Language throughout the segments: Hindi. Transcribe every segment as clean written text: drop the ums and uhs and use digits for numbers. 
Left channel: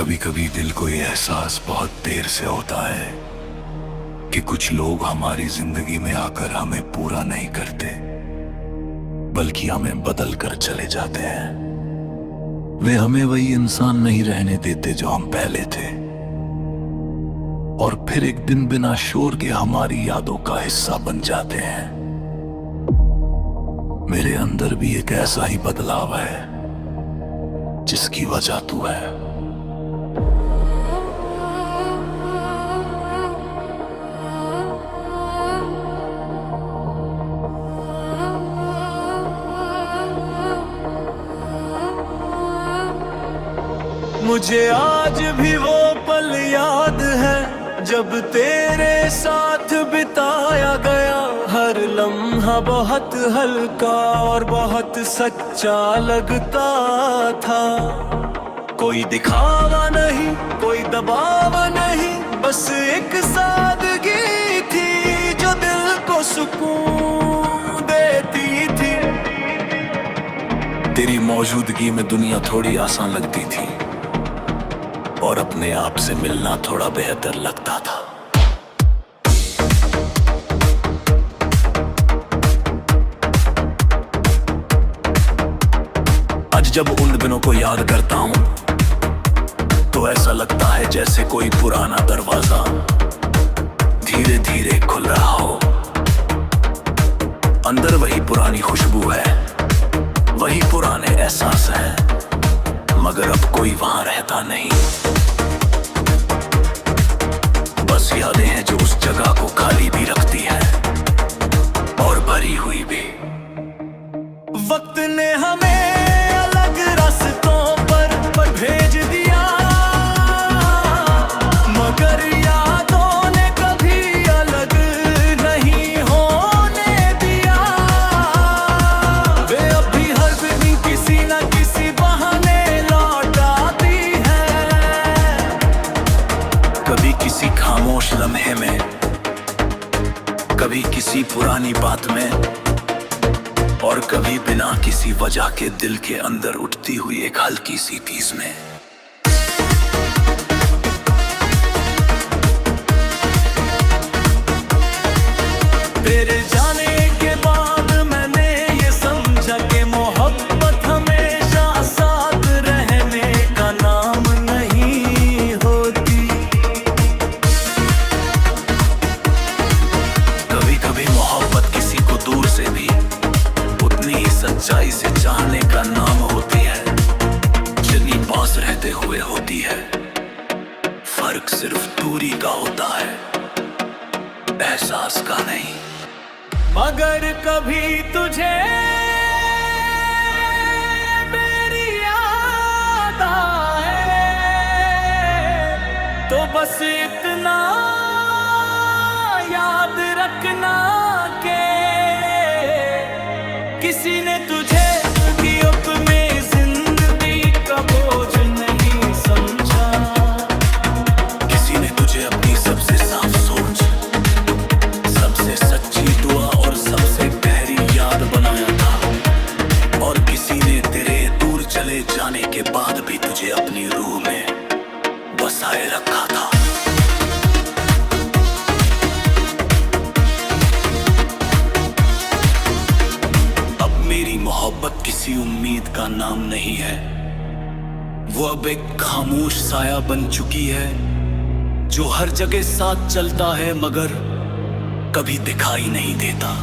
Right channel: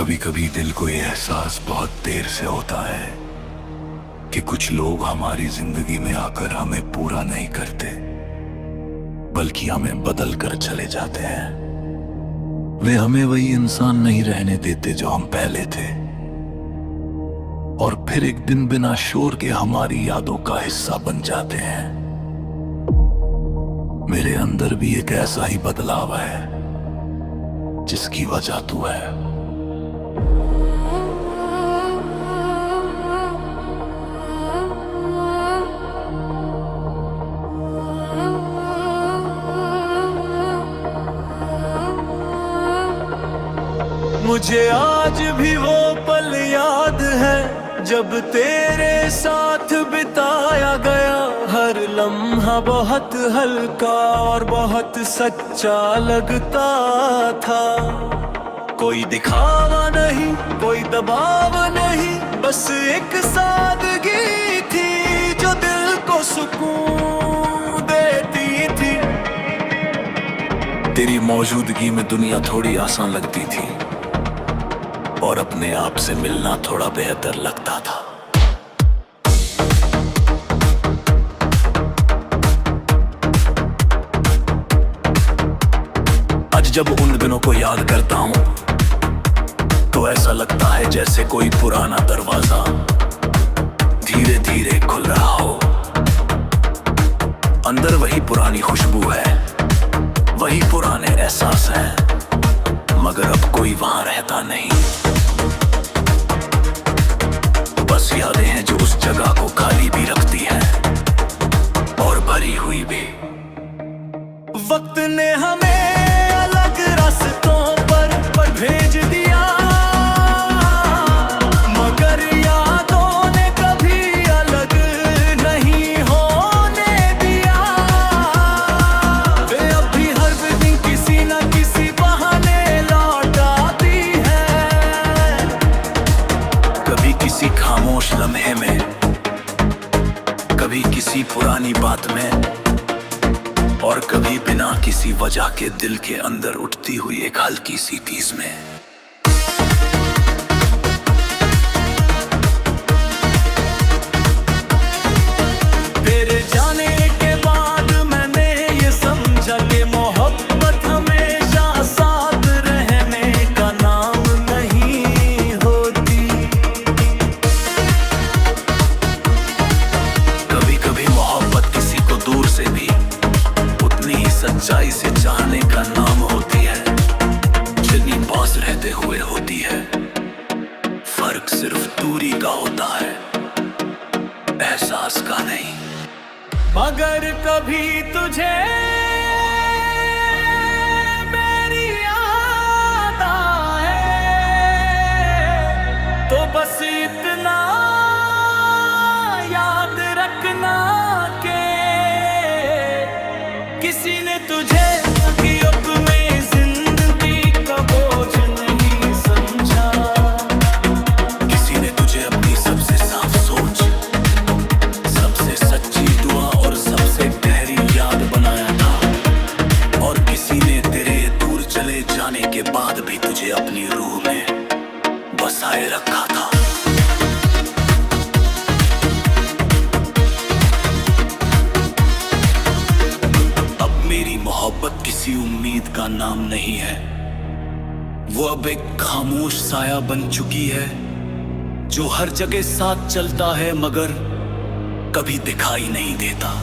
कभी कभी दिल को ये एहसास बहुत देर से होता है कि कुछ लोग हमारी जिंदगी में आकर हमें पूरा नहीं करते, बल्कि हमें बदल कर चले जाते हैं। वे हमें वही इंसान नहीं रहने देते जो हम पहले थे, और फिर एक दिन बिना शोर के हमारी यादों का हिस्सा बन जाते हैं। मेरे अंदर भी एक ऐसा ही बदलाव है जिसकी वजह तू है। मुझे आज भी वो पल याद है जब तेरे साथ बिताया गया। हर लम्हा बहुत हल्का और बहुत सच्चा लगता था। कोई दिखावा नहीं, कोई दबाव नहीं, बस एक सादगी थी जो दिल को सुकून देती थी। तेरी मौजूदगी में दुनिया थोड़ी आसान लगती थी और अपने आप से मिलना थोड़ा बेहतर लगता था। आज जब उन दिनों को याद करता हूं तो ऐसा लगता है जैसे कोई पुराना दरवाजा धीरे धीरे खुल रहा हो। अंदर वही पुरानी खुशबू है, वही पुराने एहसास हैं, मगर अब कोई वहां रहता नहीं। बस यादें हैं जो उस जगह को खाली भी रखती हैं और भरी हुई भी। वक्त ने हमें अलग रास्तों पर भेज दिया, मगर यादों ने कभी अलग नहीं होने दिया। वे अब भी हर दिन किसी न किसी बहाने लौट आती है। कभी किसी खामोश लम्हे में, कभी किसी पुरानी बात में, और कभी बिना किसी वजह के दिल के अंदर उठती हुई एक हल्की सी टीस में। तेरे जाने के बाद मैंने ये समझा कि मोहब्बत हमेशा साथ रहने का नाम नहीं होती। कभी कभी मोहब्बत किसी को दूर से भी उतनी ही सच्चाई से चाहने का नाम होती है जितनी पास रहते हुए होती है। फर्क सिर्फ दूरी का होता है, एहसास का नहीं। मगर कभी तुझे मेरी याद आए तो बस इतना याद रखना के किसी ने तुझे गिरफ्त में जिंदगी का बोझ नहीं समझा। किसी ने तुझे अपनी सबसे साफ सोच, सबसे सच्ची दुआ और सबसे गहरी याद बनाया था, और किसी ने तेरे दूर चले जाने के बाद भी तुझे अपनी रूह में बसाए रखा था। मेरी मोहब्बत किसी उम्मीद का नाम नहीं है, वो अब एक खामोश साया बन चुकी है जो हर जगह साथ चलता है मगर कभी दिखाई नहीं देता।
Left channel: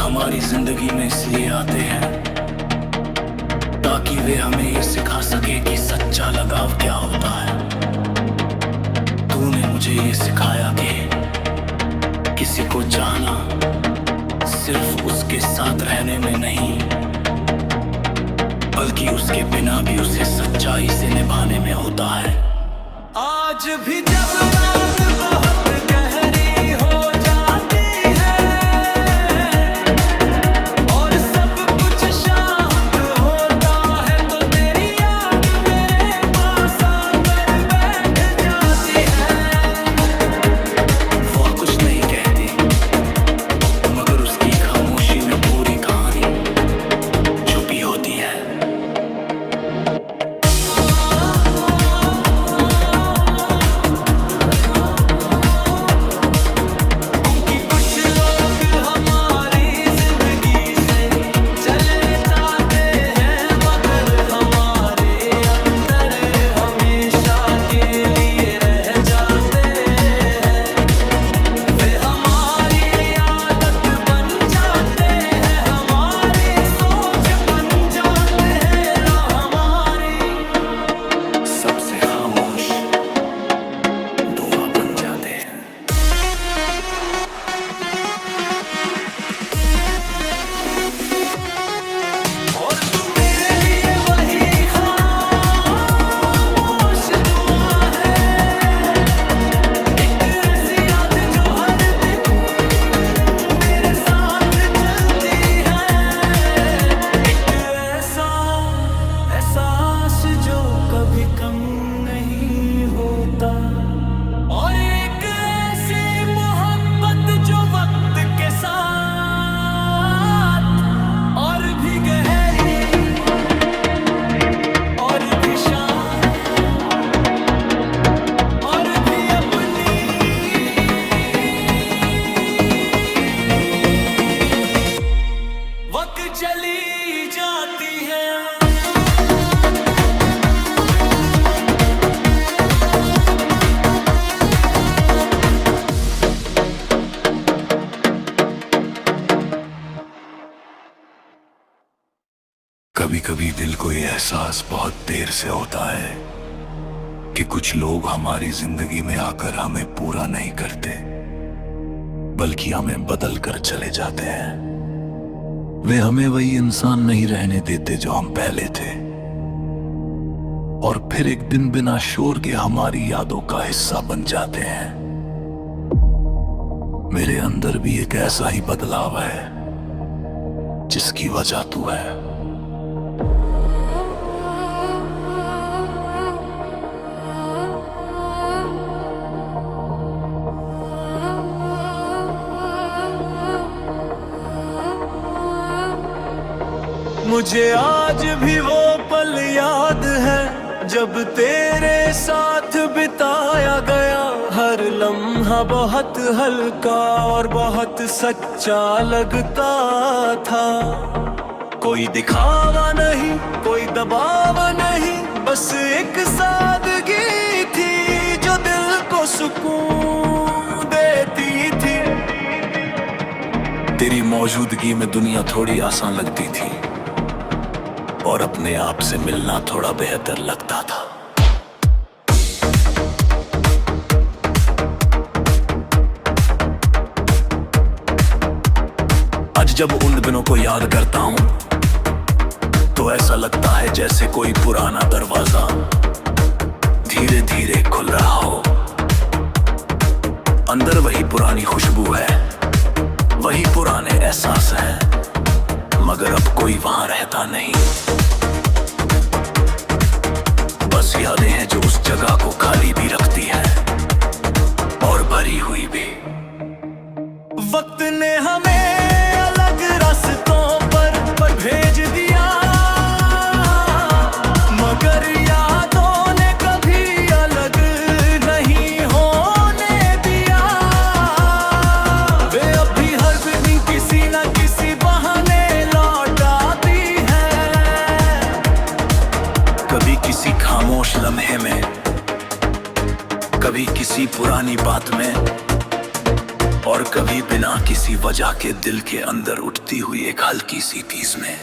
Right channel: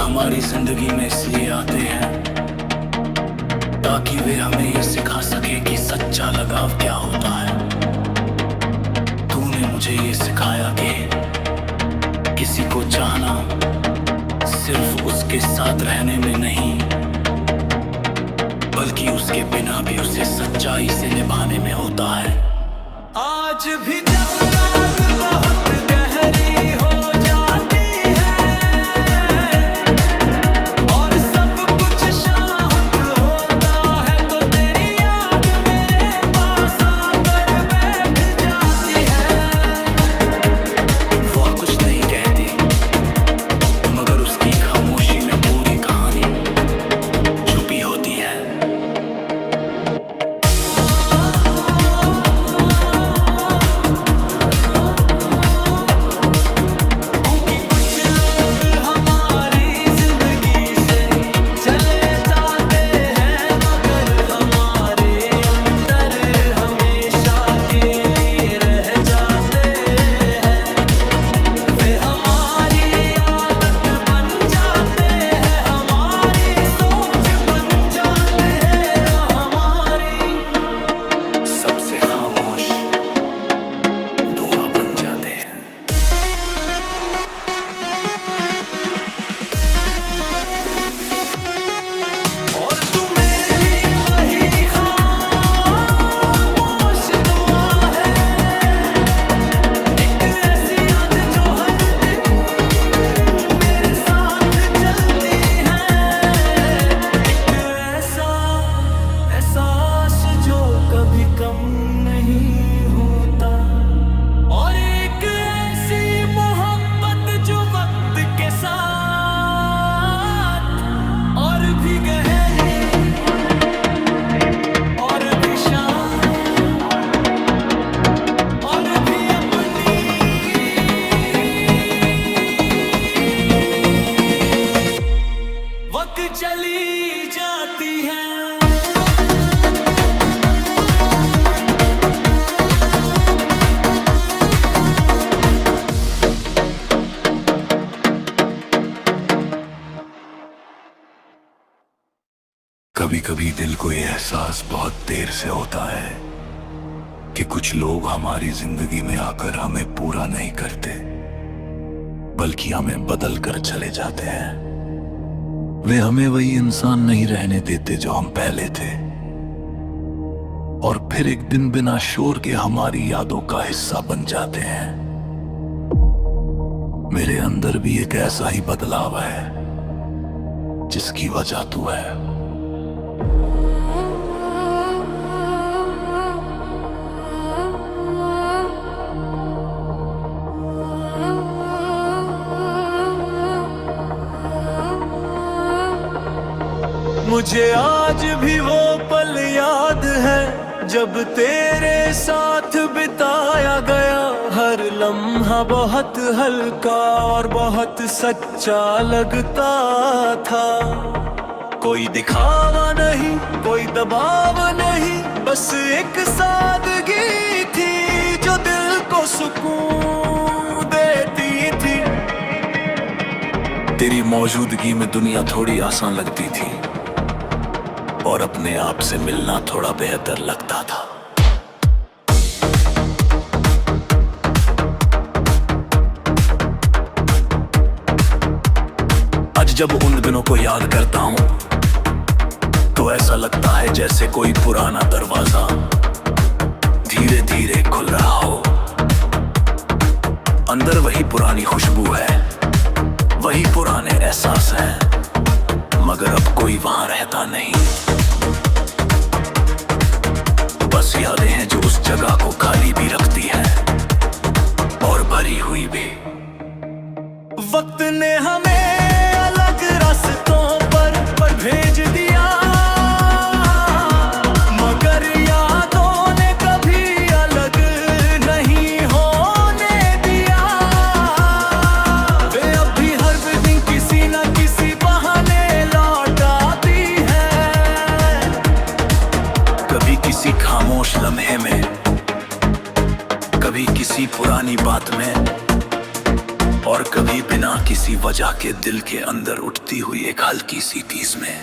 हमारी जिंदगी में इसलिए आते हैं ताकि वे हमें ये सिखा सके कि सच्चा लगाव क्या होता है। तूने मुझे ये सिखाया कि किसी को चाहना सिर्फ उसके साथ रहने में नहीं, बल्कि उसके बिना भी उसे सच्चाई से निभाने में होता है। आज भी जब रात बहुत गहरी हो जाती है और सब कुछ शांत होता है, तो तेरी याद मेरे पास आकर बैठ जाती है। वो कुछ नहीं कहती, मगर उसकी खामोशी में पूरी कहानी छुपी होती है। सबसे खामोश दुआ बन जाते हैं। और तू मेरे लिए वही खामोश दुआ है, एक ऐसी याद जो हर दिन मेरे साथ चलती है, एक ऐसा एहसास जो कभी कम नहीं होता, और एक ऐसी मोहब्बत जो वक्त के साथ और भी गहरी और भी शांत और भी अपनी वक्त चली जाती है। कभी कभी दिल को ये एहसास बहुत देर से होता है कि कुछ लोग हमारी जिंदगी में आकर हमें पूरा नहीं करते, बल्कि हमें बदल कर चले जाते हैं। वे हमें वही इंसान नहीं रहने देते जो हम पहले थे, और फिर एक दिन बिना शोर के हमारी यादों का हिस्सा बन जाते हैं। मेरे अंदर भी एक ऐसा ही बदलाव है जिसकी वजह तू है। मुझे आज भी वो पल याद है जब तेरे साथ बिताया गया हर लम्हा बहुत हल्का और बहुत सच्चा लगता था। कोई दिखावा नहीं, कोई दबाव नहीं, बस एक सादगी थी जो दिल को सुकून देती थी। तेरी मौजूदगी में दुनिया थोड़ी आसान लगती थी और अपने आप से मिलना थोड़ा बेहतर लगता था। आज जब उन दिनों को याद करता हूं तो ऐसा लगता है जैसे कोई पुराना दरवाजा धीरे धीरे खुल रहा हो। अंदर वही पुरानी खुशबू है, वही पुराने एहसास हैं, मगर अब कोई वहां रहता नहीं। बस यादें हैं जो उस जगह को खाली भी रखती हैं और भरी हुई भी। वक्त ने हमें अलग रास्तों पर भेज दिया, मगर यादों ने कभी अलग नहीं होने दिया। वे अब भी हर दिन किसी न किसी बहाने लौट आती है, कभी किसी खामोश लम्हे में, कभी किसी पुरानी बात में, और कभी बिना किसी वजह के दिल के अंदर उठती हुई एक हल्की सी टीस में।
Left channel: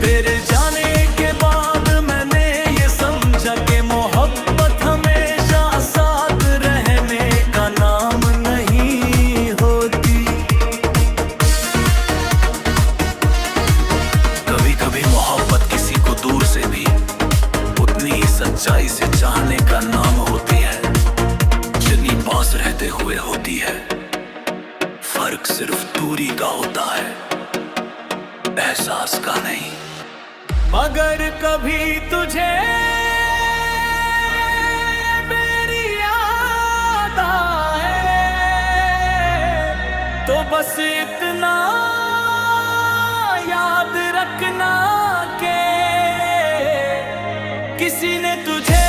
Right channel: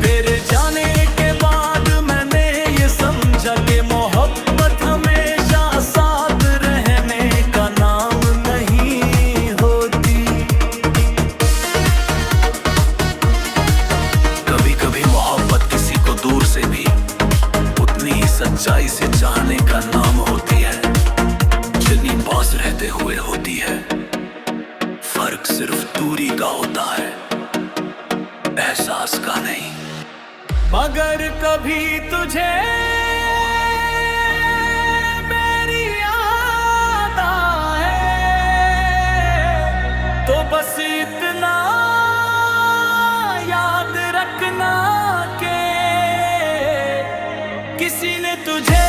तेरे जाने के बाद मैंने ये समझा कि मोहब्बत हमेशा साथ रहने का नाम नहीं होती। से भी उतनी ही सच्चाई से चाहने का नाम होती है, जितनी पास रहते हुए होती है। फर्क सिर्फ दूरी का होता है, एहसास का नहीं। मगर कभी तुझे मेरी याद आए तो बस इतना याद रखना के किसी ने तुझे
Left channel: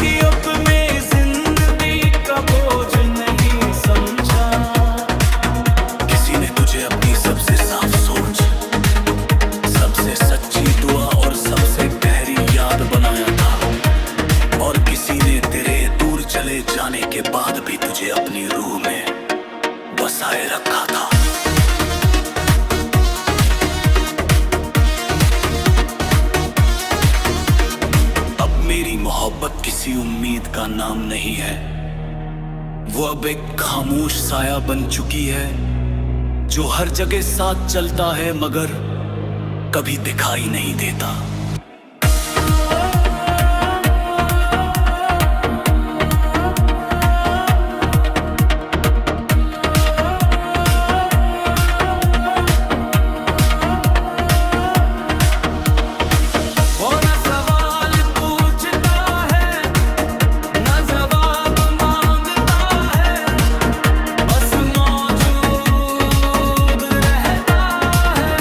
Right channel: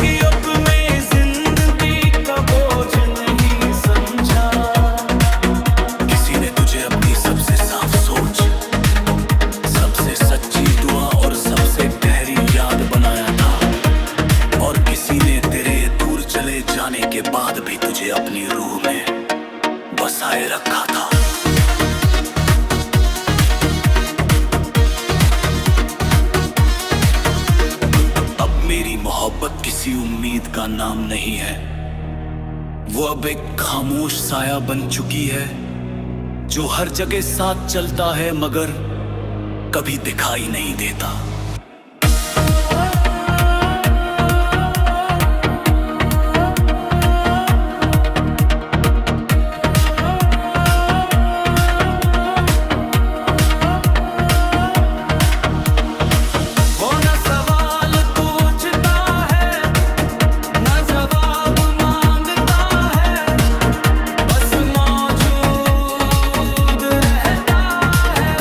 गिरफ्त में जिंदगी का बोझ नहीं समझा। किसी ने तुझे अपनी सबसे साफ सोच, सबसे सच्ची दुआ और सबसे गहरी याद बनाया था, और किसी ने तेरे दूर चले जाने के बाद भी तुझे अपनी रूह में बसाए रखा था। अब मेरी मोहब्बत किसी उम्मीद का नाम नहीं है, वो अब एक खामोश साया बन चुकी है, जो हर जगह साथ चलता है मगर कभी दिखाई नहीं देता। वो न सवाल पूछता है न जवाब मांगता है, बस मौजूद रहता है।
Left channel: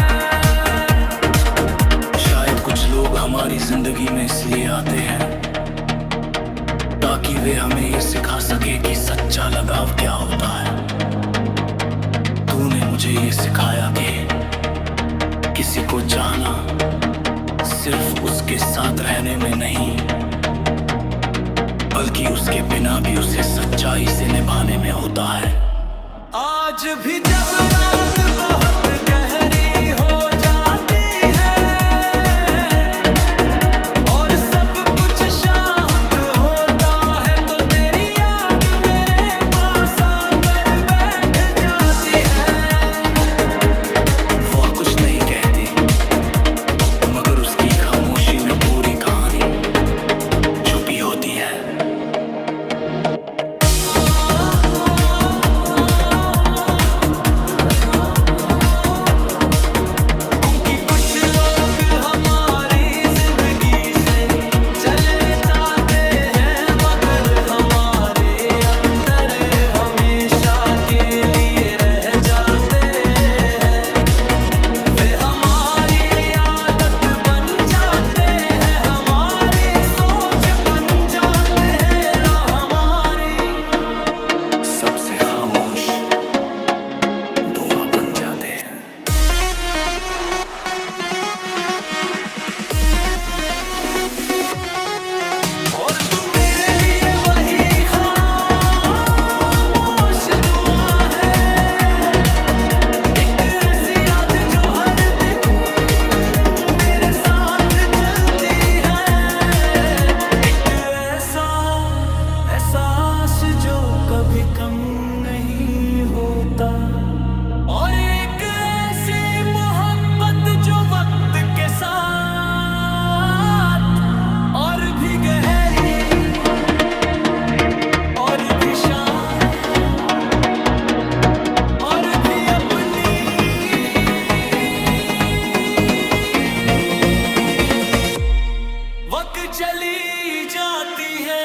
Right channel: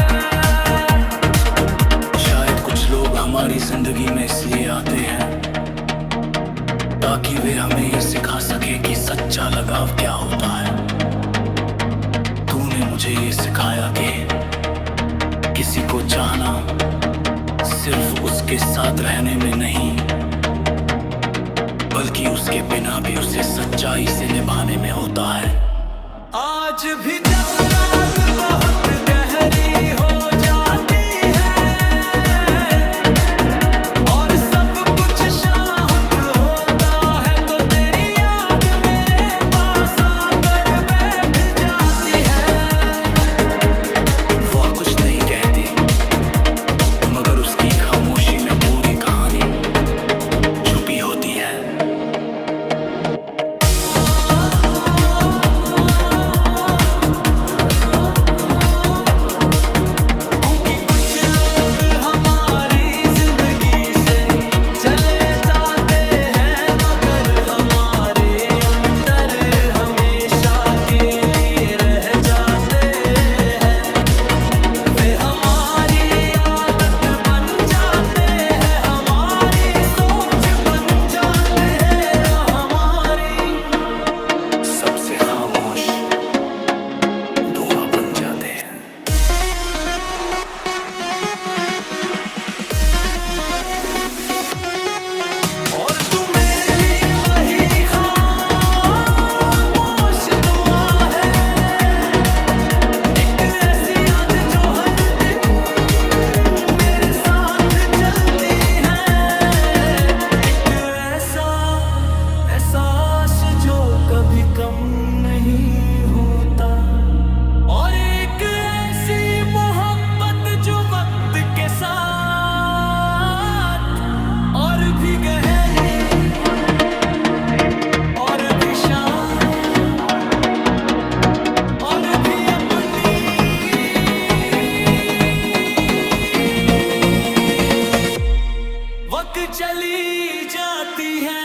शायद कुछ लोग हमारी जिंदगी में इसलिए आते हैं ताकि वे हमें ये सिखा सके कि सच्चा लगाव क्या होता है। तूने मुझे ये सिखाया कि किसी को चाहना सिर्फ उसके साथ रहने में नहीं, बल्कि उसके बिना भी उसे सच्चाई से निभाने में होता है। आज भी जब रात बहुत गहरी हो जाती है और सब कुछ शांत होता है, तो तेरी याद मेरे पास आकर बैठ जाती है। वो कुछ नहीं कहती, मगर उसकी खामोशी में पूरी कहानी छुपी होती है। क्योंकि कुछ लोग हमारी जिंदगी से चले जाते हैं, मगर हमारे अंदर हमेशा के लिए रह जाते हैं। वे हमारी आदत बन जाते हैं, हमारी सोच बन जाते हैं, राह हमारी सबसे खामोश दुआ बन जाते हैं। और तू मेरे लिए वही खामोश दुआ है, एक ऐसी याद जो हर दिन मेरे साथ चलती है, एक ऐसा एहसास जो कभी कम नहीं होता, और एक ऐसी मोहब्बत जो वक्त के साथ और भी गहरी और भी शांत और भी अपनी वक्त चली जाती है।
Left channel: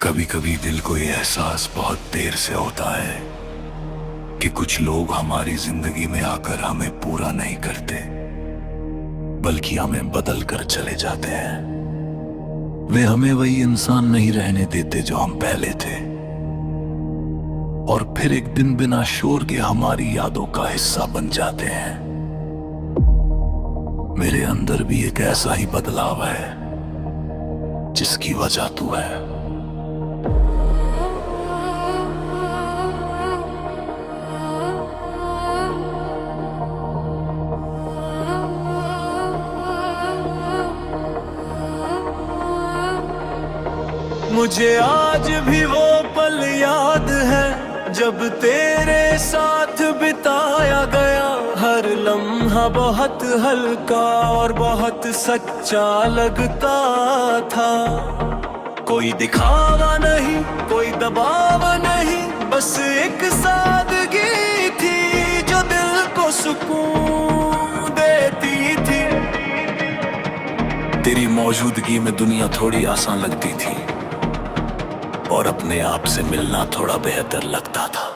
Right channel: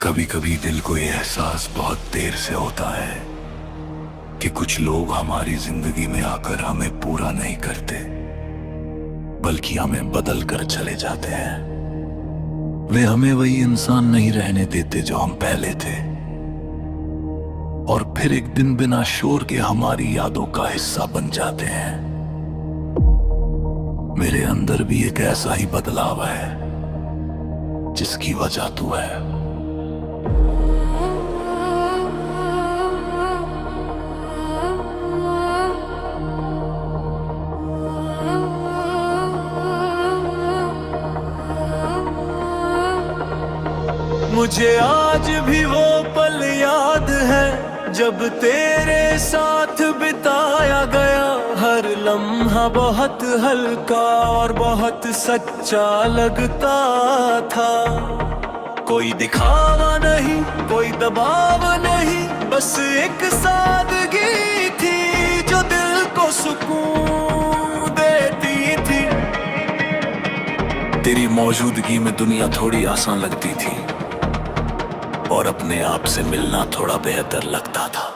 कभी कभी दिल को ये एहसास बहुत देर से होता है कि कुछ लोग हमारी जिंदगी में आकर हमें पूरा नहीं करते, बल्कि हमें बदल कर चले जाते हैं। वे हमें वही इंसान नहीं रहने देते जो हम पहले थे, और फिर एक दिन बिना शोर के हमारी यादों का हिस्सा बन जाते हैं। मेरे अंदर भी एक ऐसा ही बदलाव है जिसकी वजह तू है। मुझे आज भी वो पल याद है जब तेरे साथ बिताया गया। हर लम्हा बहुत हल्का और बहुत सच्चा लगता था। कोई दिखावा नहीं, कोई दबाव नहीं, बस एक सादगी थी जो दिल को सुकून देती थी। तेरी मौजूदगी में दुनिया थोड़ी आसान लगती थी और अपने आप से मिलना थोड़ा बेहतर लगता था।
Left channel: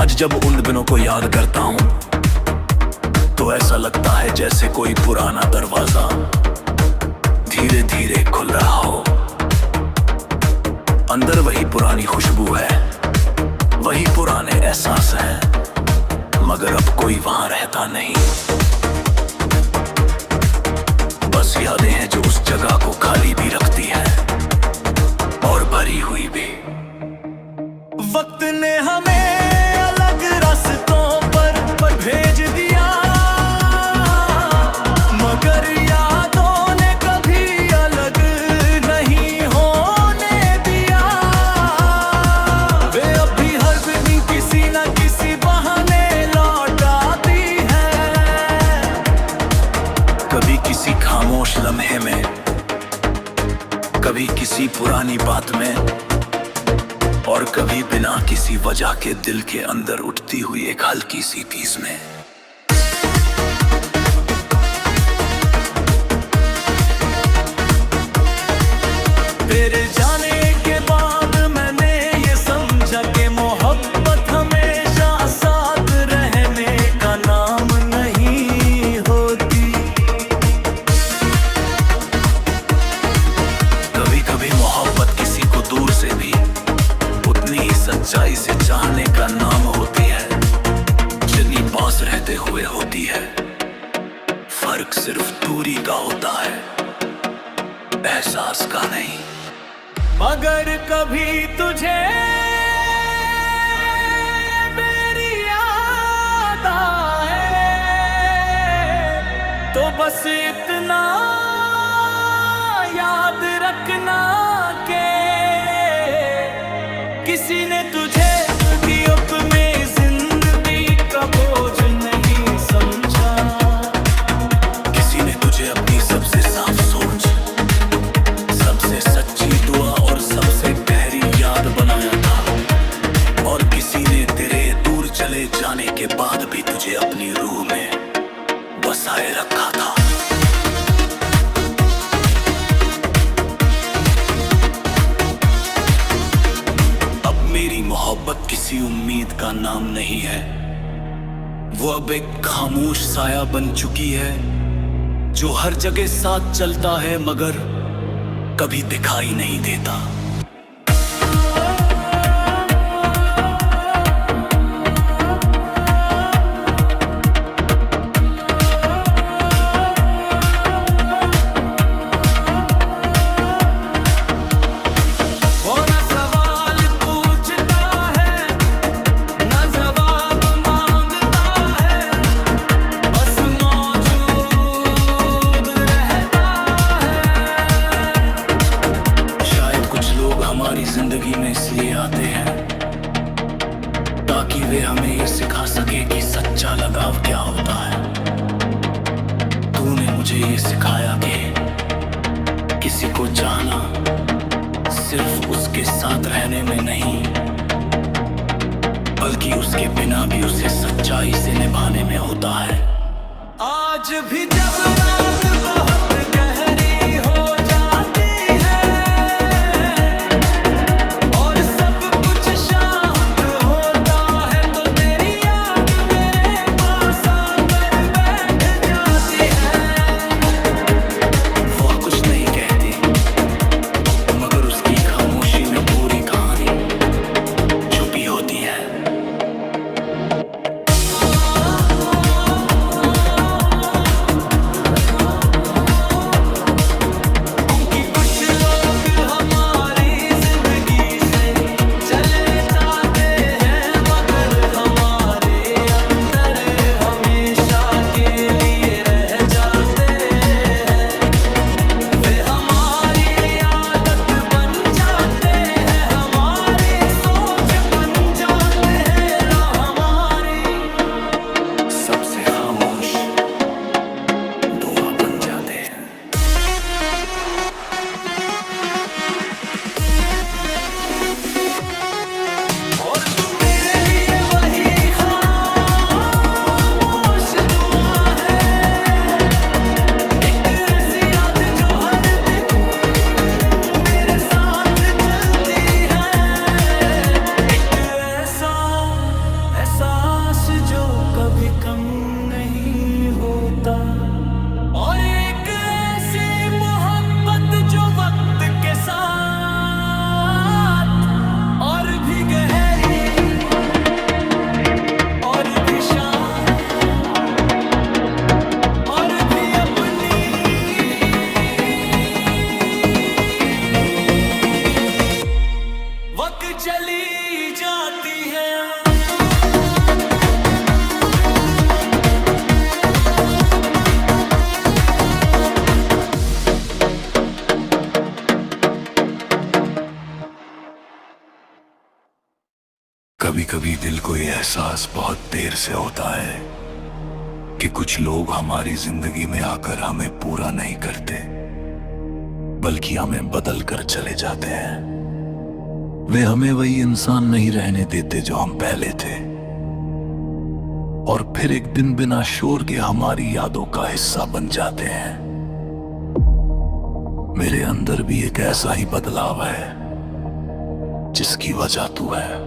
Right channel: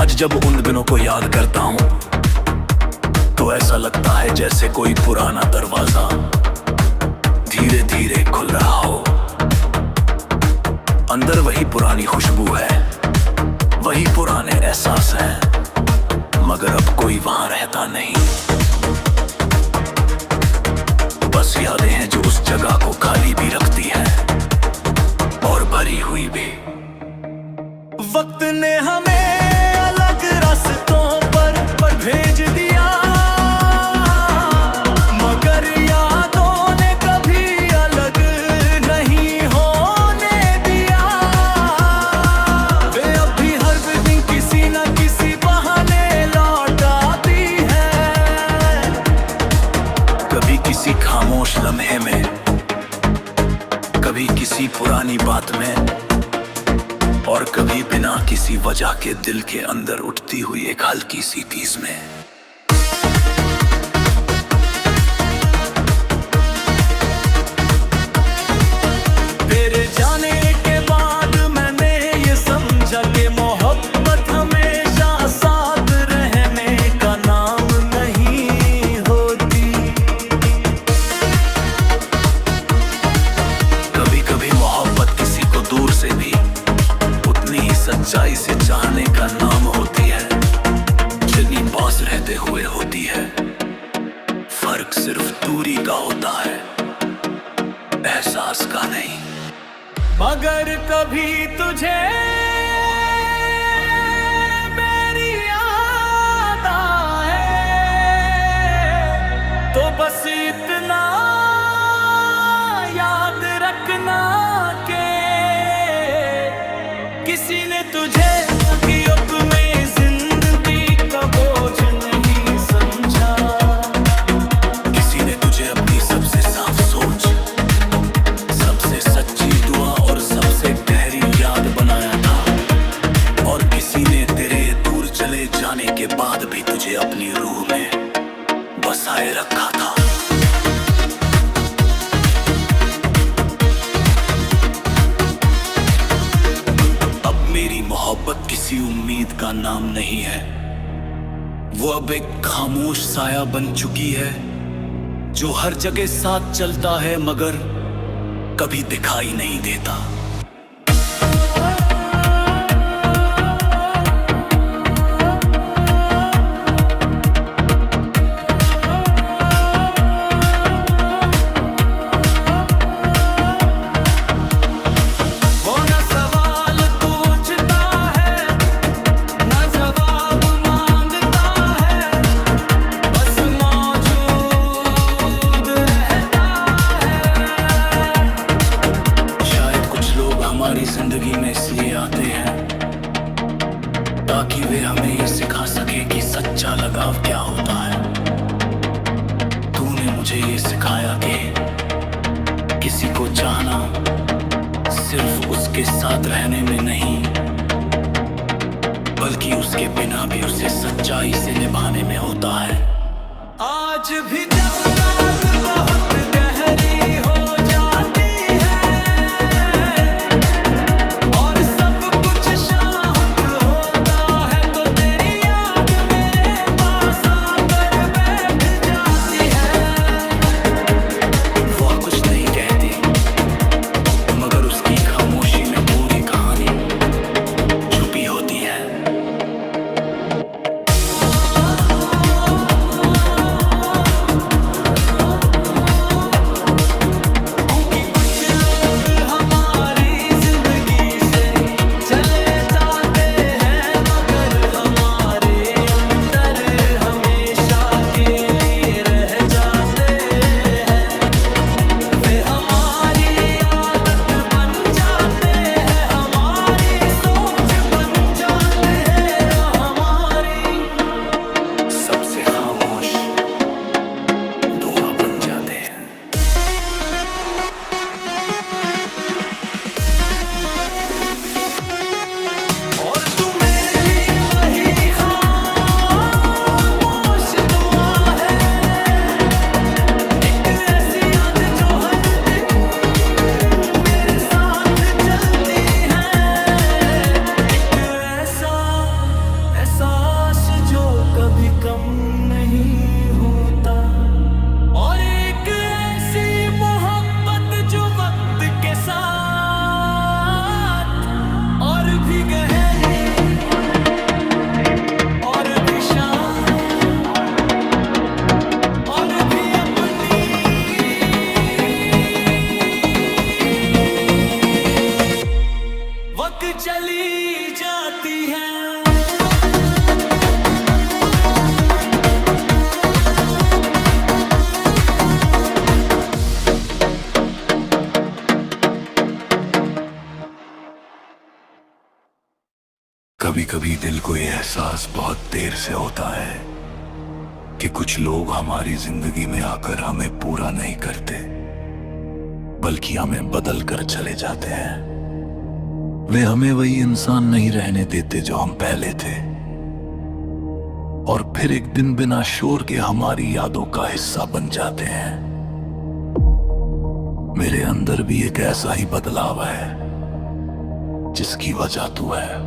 आज जब उन दिनों को याद करता हूं तो ऐसा लगता है जैसे कोई पुराना दरवाजा धीरे धीरे खुल रहा हो। अंदर वही पुरानी खुशबू है, वही पुराने एहसास हैं, मगर अब कोई वहां रहता नहीं। बस यादें हैं जो उस जगह को खाली भी रखती हैं और भरी हुई भी। वक्त ने हमें अलग रास्तों पर भेज दिया, मगर यादों ने कभी अलग नहीं होने दिया। वे अब भी हर दिन किसी न किसी बहाने लौट आती हैं। कभी किसी खामोश लम्हे में, कभी किसी पुरानी बात में, और कभी बिना किसी वजह के दिल के अंदर उठती हुई एक हल्की सी टीस में। तेरे जाने के बाद मैंने ये समझा कि मोहब्बत हमेशा साथ रहने का नाम नहीं होती। कभी कभी मोहब्बत किसी को दूर से भी उतनी ही सच्चाई से चाहने का नाम होती है जितनी पास रहते हुए होती है। फर्क सिर्फ दूरी का होता है, एहसास का नहीं। मगर कभी तुझे मेरी याद आए तो बस इतना याद रखना के किसी ने तुझे गिरफ्त में जिंदगी का बोझ नहीं समझा। किसी ने तुझे अपनी सबसे साफ सोच, सबसे सच्ची दुआ और सबसे गहरी याद बनाया था। और किसी ने तेरे दूर चले जाने के बाद भी तुझे अपनी रूह में बसाए रखा था। मेरी मोहब्बत किसी उम्मीद का नाम नहीं है, वो अब एक खामोश साया बन चुकी है जो हर जगह साथ चलता है मगर कभी दिखाई नहीं देता। वो न सवाल पूछता है, न जवाब मांगता है, बस मौजूद रहता है। शायद कुछ लोग हमारी जिंदगी में इसलिए आते हैं ताकि वे हमें ये सिखा सके कि सच्चा लगाव क्या होता है। तूने मुझे ये सिखाया कि किसी को चाहना सिर्फ उसके साथ रहने में नहीं, बल्कि उसके बिना भी उसे सच्चाई से निभाने में होता है। आज भी जब रात बहुत गहरी हो जाती है और सब कुछ शांत होता है तो तेरी याद मेरे पास आकर बैठ जाती है। वो कुछ नहीं कहती मगर उसकी खामोशी में पूरी कहानी छुपी होती है। क्योंकि कुछ लोग हमारी जिंदगी से चले जाते हैं मगर हमारे अंदर हमेशा खामोश दुआ बन जाते हैं। और तू मेरे लिए वही खामोश दुआ है, एक ऐसी याद जो हर दिन मेरे साथ चलती है, एक ऐसा एहसास जो कभी कम नहीं होता, और एक ऐसी मोहब्बत जो वक्त के साथ और भी गहरी और भी शांत और भी अपनी वक्त चली जाती है। कभी कभी दिल को ये एहसास बहुत देर से होता है कि कुछ लोग हमारी जिंदगी में आकर हमें पूरा नहीं करते, बल्कि हमें बदल कर चले जाते हैं। वे हमें वही इंसान नहीं रहने देते जो हम पहले थे, और फिर एक दिन बिना शोर के हमारी यादों का हिस्सा बन जाते हैं। मेरे अंदर भी एक ऐसा ही बदलाव है जिसकी वजह तू है।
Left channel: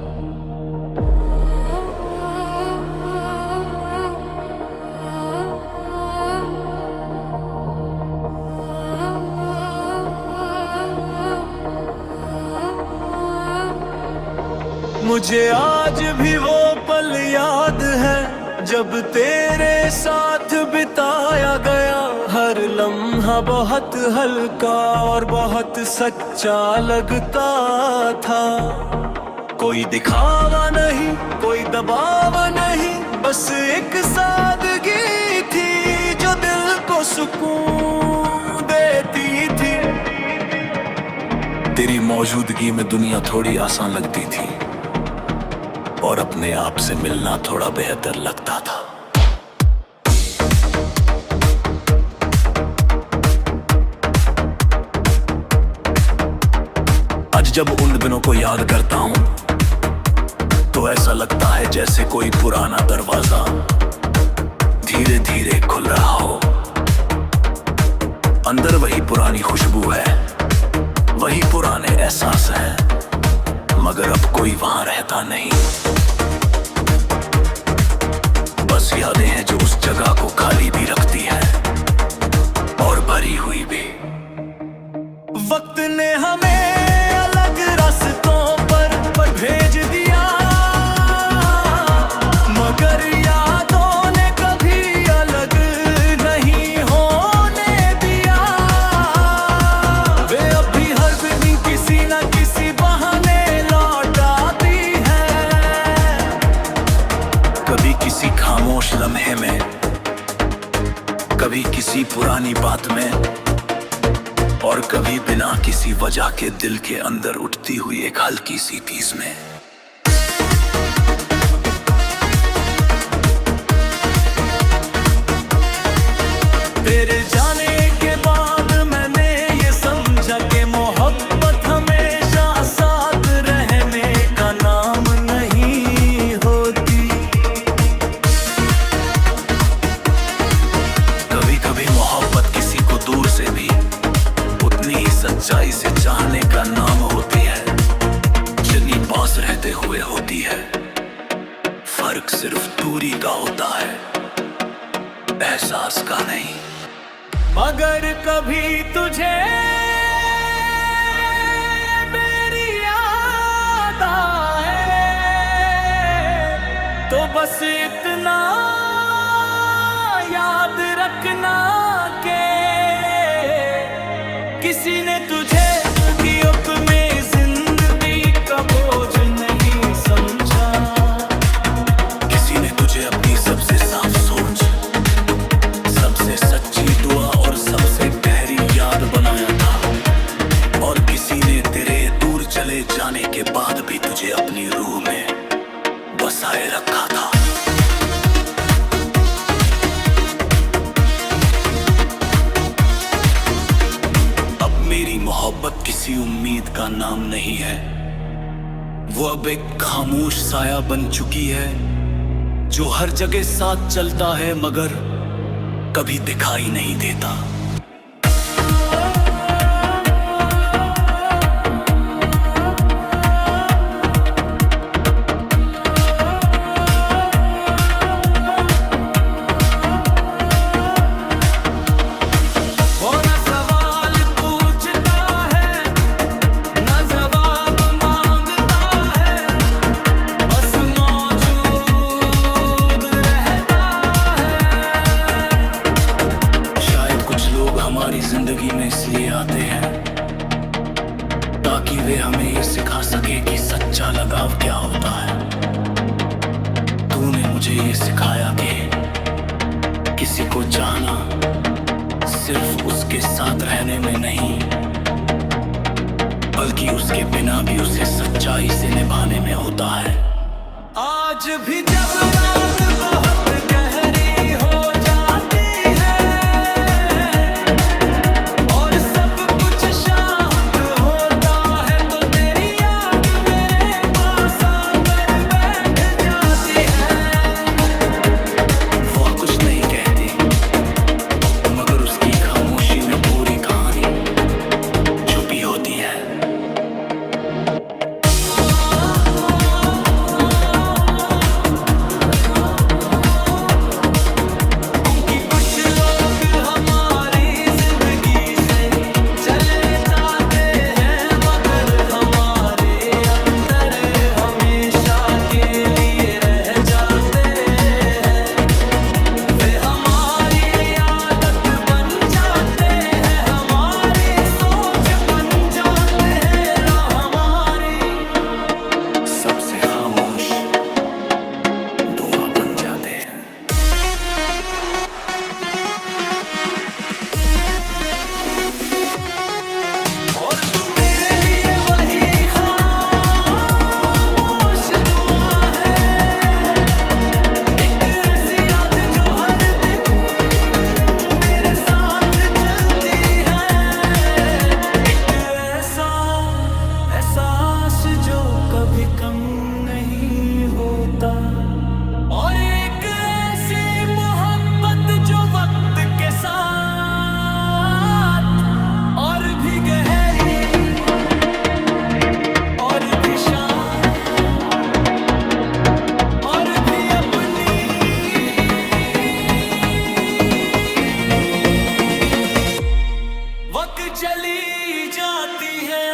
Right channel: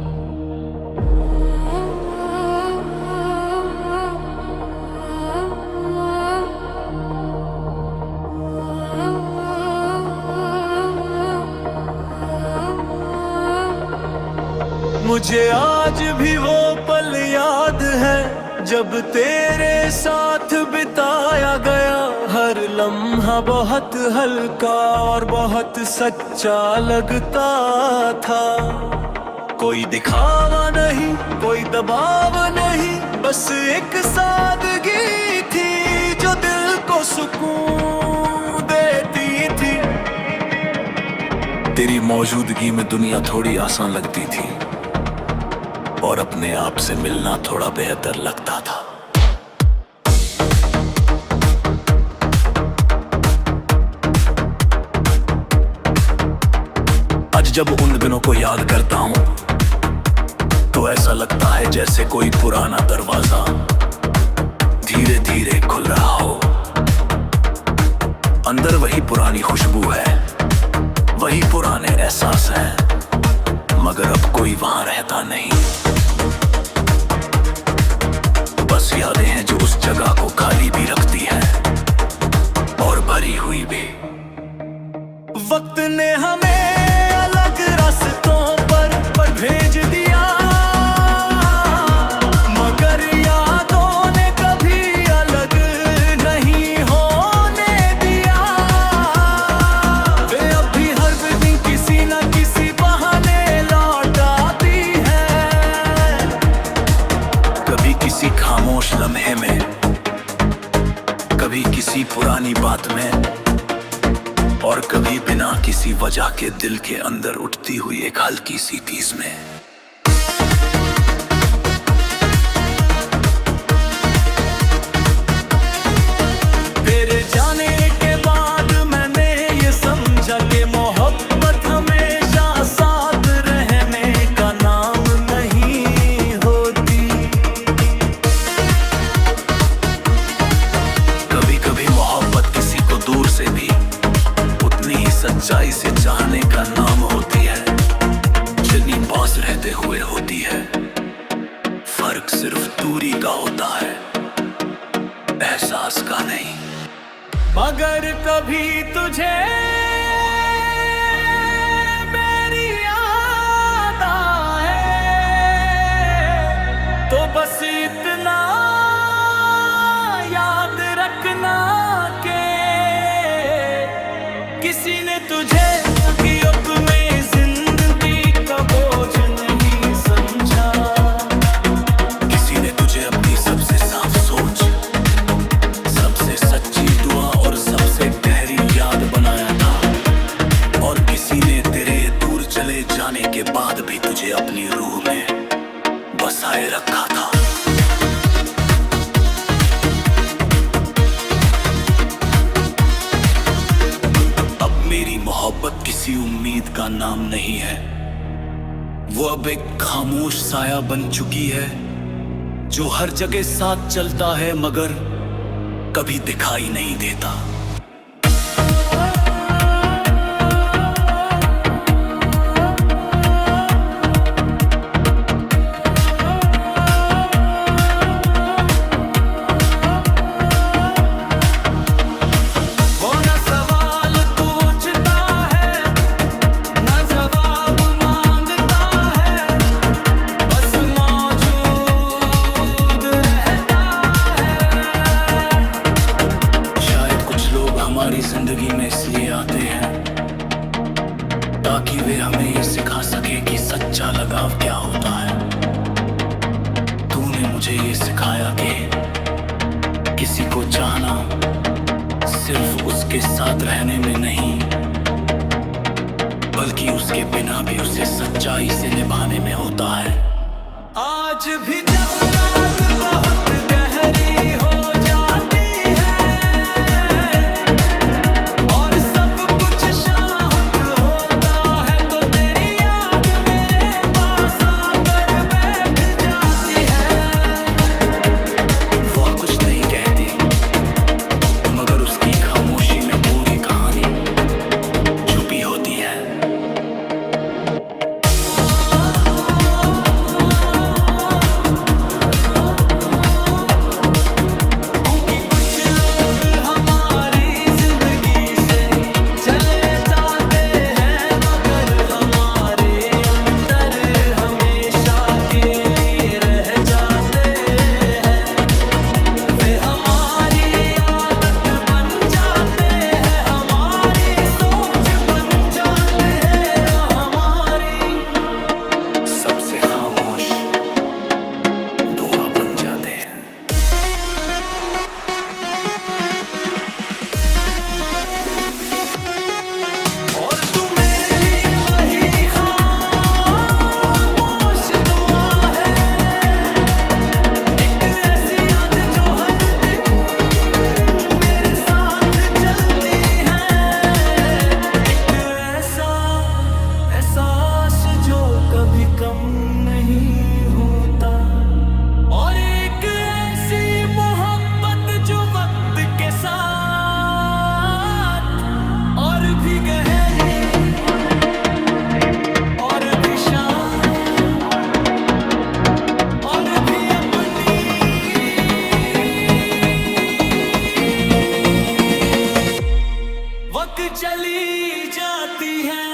मुझे आज भी वो पल याद है जब तेरे साथ बिताया गया, हर लम्हा बहुत हल्का और बहुत सच्चा लगता था। कोई दिखावा नहीं, कोई दबाव नहीं, बस एक सादगी थी जो दिल को सुकून देती थी। तेरी मौजूदगी में दुनिया थोड़ी आसान लगती थी और अपने आप से मिलना थोड़ा बेहतर लगता था। आज जब उन दिनों को याद करता हूं तो ऐसा लगता है जैसे कोई पुराना दरवाजा धीरे धीरे खुल रहा हो। अंदर वही पुरानी खुशबू है, वही पुराने एहसास हैं, मगर अब कोई वहां रहता नहीं। बस यादें हैं जो उस जगह को खाली भी रखती हैं और भरी हुई भी। वक्त ने हमें अलग रास्तों पर भेज दिया, मगर यादों ने कभी अलग नहीं होने दिया। वे अब भी हर दिन किसी न किसी बहाने लौट आती है, कभी किसी खामोश लम्हे में, कभी किसी पुरानी बात में, और कभी बिना किसी वजह के दिल के अंदर उठती हुई एक हल्की सी टीस में। तेरे जाने के बाद मैंने ये समझा कि मोहब्बत हमेशा साथ रहने का नाम नहीं होती। कभी कभी मोहब्बत किसी को दूर से भी उतनी ही सच्चाई से चाहने का नाम होती है जितनी पास रहते हुए होती है। फर्क सिर्फ दूरी का होता है, एहसास का नहीं। मगर कभी तुझे मेरी याद आए तो बस इतना याद रखना के किसी ने तुझे गिरफ्त में जिंदगी का बोझ नहीं समझा। किसी ने तुझे अपनी सबसे साफ सोच, सबसे सच्ची दुआ और सबसे गहरी याद बनाया था, और किसी ने तेरे दूर चले जाने के बाद भी तुझे अपनी रूह में बसाए रखा था। मेरी मोहब्बत किसी उम्मीद का नाम नहीं है, वो अब एक खामोश साया बन चुकी है जो हर जगह साथ चलता है मगर कभी दिखाई नहीं देता। वो न सवाल पूछता है न जवाब मांगता है, बस मौजूद रहता है। शायद कुछ लोग हमारी जिंदगी में इसलिए आते हैं ताकि वे हमें ये सिखा सके कि सच्चा लगाव क्या होता है। तूने मुझे ये सिखाया कि किसी को चाहना सिर्फ उसके साथ रहने में नहीं, बल्कि उसके बिना भी उसे सच्चाई से निभाने में होता है। आज भी जब रात बहुत गहरी हो जाती है और सब कुछ शांत होता है, तो तेरी याद मेरे पास आकर बैठ जाती है। वो कुछ नहीं कहती मगर उसकी खामोशी में पूरी कहानी छुपी होती है। क्योंकि कुछ लोग हमारी जिंदगी से चले जाते हैं मगर हमारे अंदर हमेशा के लिए रह जाते हैं। वे हमारी आदत बन जाते हैं, हमारी सोच बन जाते हैं, हमारी सबसे खामोश दुआ बन जाते हैं। और तू मेरे लिए वही खामोश दुआ है, एक ऐसी याद जो हर दिन मेरे साथ चलती है, एक ऐसा एहसास जो कभी कम नहीं होता, और एक ऐसी मोहब्बत जो वक्त के साथ और भी गहरी और भी शांत और भी अपनी वक्त चली जाती है।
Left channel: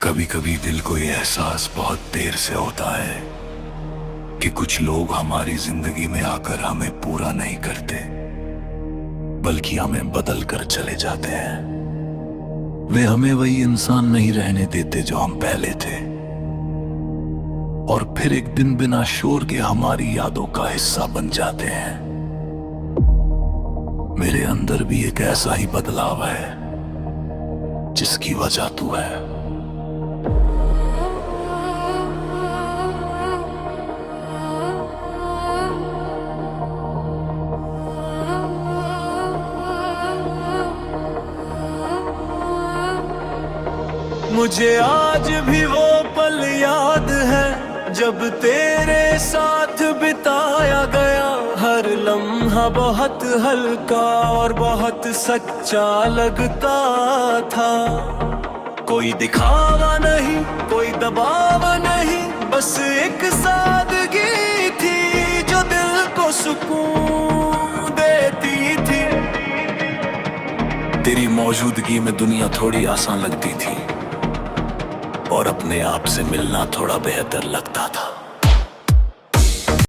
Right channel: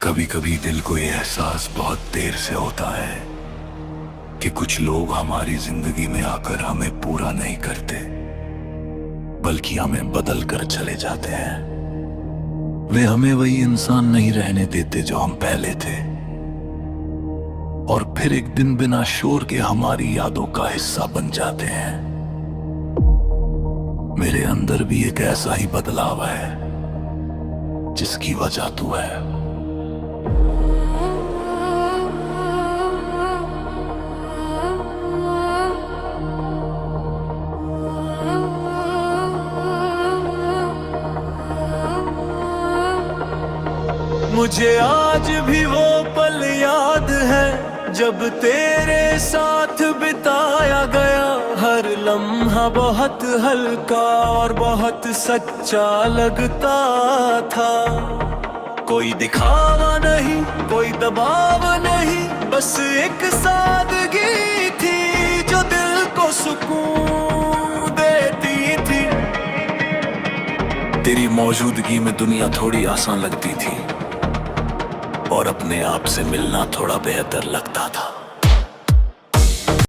कभी कभी दिल को ये एहसास बहुत देर से होता है कि कुछ लोग हमारी जिंदगी में आकर हमें पूरा नहीं करते, बल्कि हमें बदल कर चले जाते हैं। वे हमें वही इंसान नहीं रहने देते जो हम पहले थे, और फिर एक दिन बिना शोर के हमारी यादों का हिस्सा बन जाते हैं। मेरे अंदर भी एक ऐसा ही बदलाव है जिसकी वजह तू है। मुझे आज भी वो पल याद है जब तेरे साथ बिताया गया, हर लम्हा बहुत हल्का और बहुत सच्चा लगता था। कोई दिखावा नहीं, कोई दबाव नहीं, बस एक सादगी थी जो दिल को सुकून देती थी। तेरी मौजूदगी में दुनिया थोड़ी आसान लगती थी और अपने आप से मिलना थोड़ा बेहतर लगता था।